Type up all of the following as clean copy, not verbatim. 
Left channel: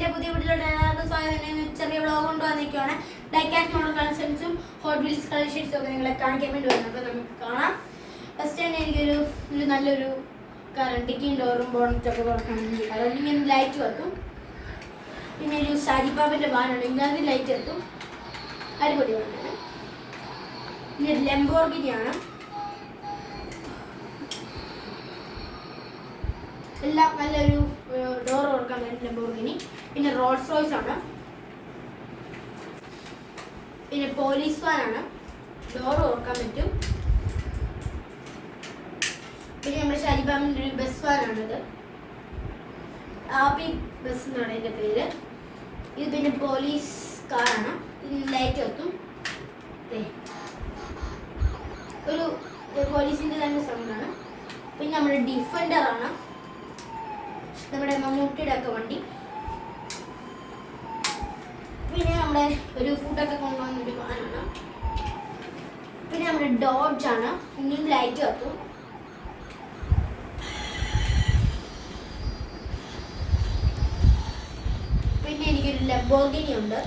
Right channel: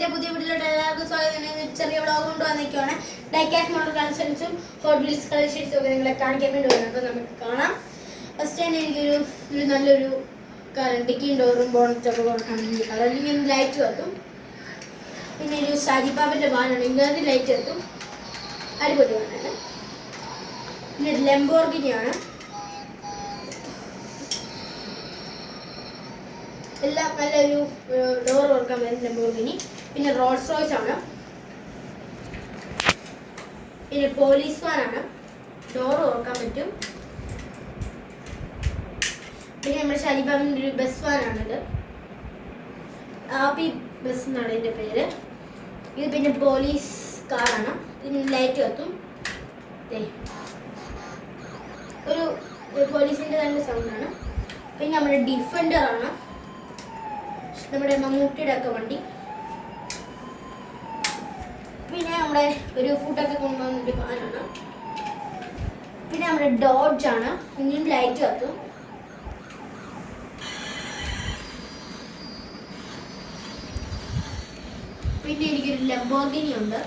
എൻ്റെ പുതിയ വീട്ടിലോട്ട് എല്ലാവർക്കും സ്വാഗതം. ചെറിയ വ്ളോഗ് കൊണ്ടുവന്നിരിക്കുകയാണ്. ഡൈക്കാറ്റ് മോഡൽ കളക്ഷൻസും ഹോട്ട് വീൽസ് കളക്ഷൻസും ഒക്കെ നിങ്ങളെ കാണിക്കാൻ വേണ്ടി വരുന്നത്. അപ്പോൾ നമുക്ക് കാണാം. ഫസ്റ്റ് തന്നെ എനിക്കൊരു നല്ലൊരു ഡിക്കിയും ഡോറും ബോണറ്റൊക്കെ കാണുന്നുണ്ട്. അല്ലെങ്കിൽ ലൈറ്റ് വെക്കും. പിന്നെ ഒരു ഷാജിപ്പാപ്പിൻ്റെ വാനാണ്, ഇങ്ങനെ ലൈറ്റ് വെക്കും. അടിപൊളി വാനാണ്. പിന്നെ ഒരു ലംബോർഗിനിയാണ്. എല്ലാം നല്ലൊരു ഡോർ കൊടുക്കാൻ പറ്റും ലംബോർഗിനി. പിന്നെ റോൾസ് റോയ്സ് ആണ്. പിന്നെ പോലീസ് വാനാണ്, ഡോർ തുറക്കാൻ പറ്റും. പിന്നെ നമ്മുടെ ഷാജിബാബിൻ്റെ ഒരു ബസ് വാനാണിത്, ആപ്പി ബസ് എന്നാണ് ഇതിൻ്റെ പേര്. ഇത് പിന്നെ പോലീസ് കാറാണ്. ഇതിന് ലൈറ്റ് കത്തും. ഒരു പോലീസിൻ്റെ തന്നെ സൗണ്ടാണ്. പിന്നെ നമ്മുടെ ഡിഫൻഡർ ആണ്, നമ്മുടെ മമ്മൂട്ടിയുടെ ഒക്കെ വണ്ടി. പിന്നെ നമ്മുടെ ഒരു ഫുഡൊക്കെ കൊണ്ടുവന്നിട്ട് വാനാണ്. പിന്നെ നമ്മുടെ ഡോഡ്ജ് ആണ്, ഇനിയും ലൈറ്റ് കത്തും. പിന്നെ എനിക്കൊരു ലംബോർഗിനി ഉണ്ട്,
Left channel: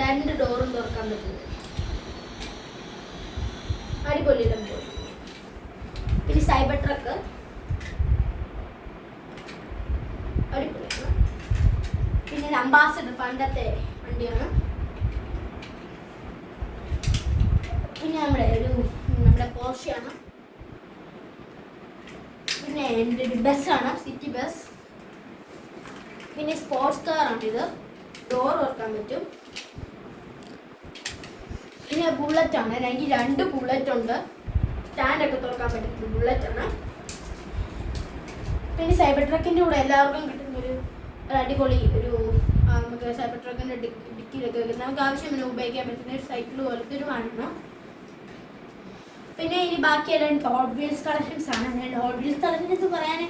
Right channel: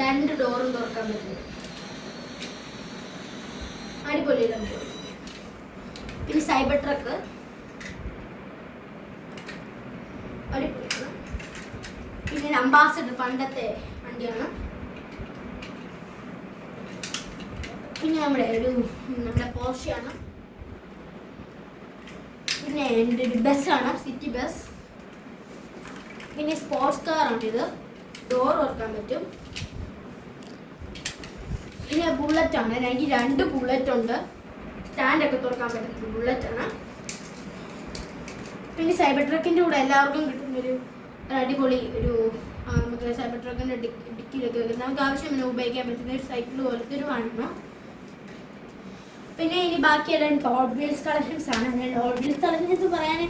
2 ഡോറും തുറക്കാൻ പറ്റുന്നത്. അടിപൊളി ലംബോർഗിനി. പിന്നെ സൈബർ ട്രക്ക് അടിപൊളിയാണ്. പിന്നെ അംബാസഡർ പണ്ടത്തെ വണ്ടിയാണ്. പിന്നെ നമ്മുടെ പോർഷയാണ്. പിന്നെ എൻ്റെ ഒരു ബസ്സാണ്, സിറ്റി ബസ്. പിന്നെ സ്പോർട്സ് കാറാണിത്, ഡോർ തുറക്കാൻ പറ്റും. പിന്നെ ബുള്ളറ്റാണ്, എനിക്ക് 2 ബുള്ളറ്റ് ഉണ്ട്, സ്റ്റാൻഡൊക്കെ തുറക്കാൻ പറ്റുന്ന ബുള്ളറ്റാണ്. പിന്നെ സൈബർ ട്രക്കിൻ്റെ കൂടെ എല്ലാവർക്കും കിട്ടുന്നൊരു അടിപൊളി നമുക്ക് സൈബർ ട്രക്കിൻ്റെ ഡിക്കിയിലൊക്കെ വെക്കുന്ന നമുക്ക് ആവശ്യമില്ല ഉപയോഗിക്കാൻ പറ്റുന്ന ഒരു സൈക്കിൾ പോലത്തെ ഒരു വാനാണ്. പിന്നെ ഇനി ബാക്കിയെല്ലാം ഹോട്ട് വീൽസ് കളക്ഷൻസ് ആണ്. ഞാൻ ഹോട്ട് വീൽസ് കളക്ഷൻസ് പറയാൻ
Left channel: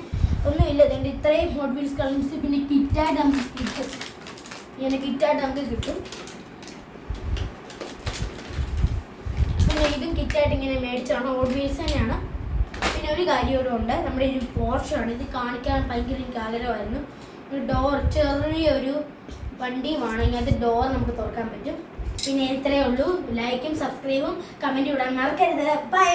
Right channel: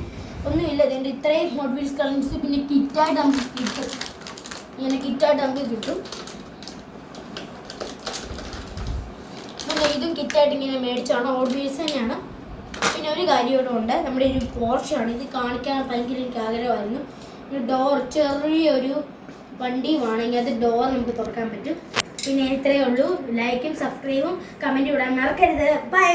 ഒന്നുമില്ല, ഇതിൻ്റെ ഇത്രയും ഹോട്ട് വീൽസ് കളക്ഷൻസ്. പിന്നെ കിറ്റായിട്ട് നമുക്ക് കിട്ടും, ഇങ്ങനെ കിറ്റായിട്ട് നമുക്ക് കിട്ടും. പിന്നെ ഇതും കിറ്റായിട്ട് ഇങ്ങനെ മേടിച്ചാണ്, ഹോട്ട് വീൽസ് തന്നെയാണ്. പിന്നെ ഒരു കാര്യം കൂടെ ഉണ്ട്, നമ്മുടെ ഒരു പോർഷാണ്. ഇത് കാണിക്കാൻ ഭയങ്കര എനിക്ക് ആഗ്രഹമായിരുന്നു. ഒരു ഡോർ, ചെറിയൊരു വണ്ടിയുമാണ്, ഇങ്ങനത്തെ ഡോർ നമുക്ക് തുറക്കാൻ പറ്റും. പിന്നെ ഇത്രയേ ഉള്ളൂ. ലൈക്കും സബ്സ്ക്രൈബും കമൻറ്റും ഇടാൻ മറക്കരുത്. ബൈ.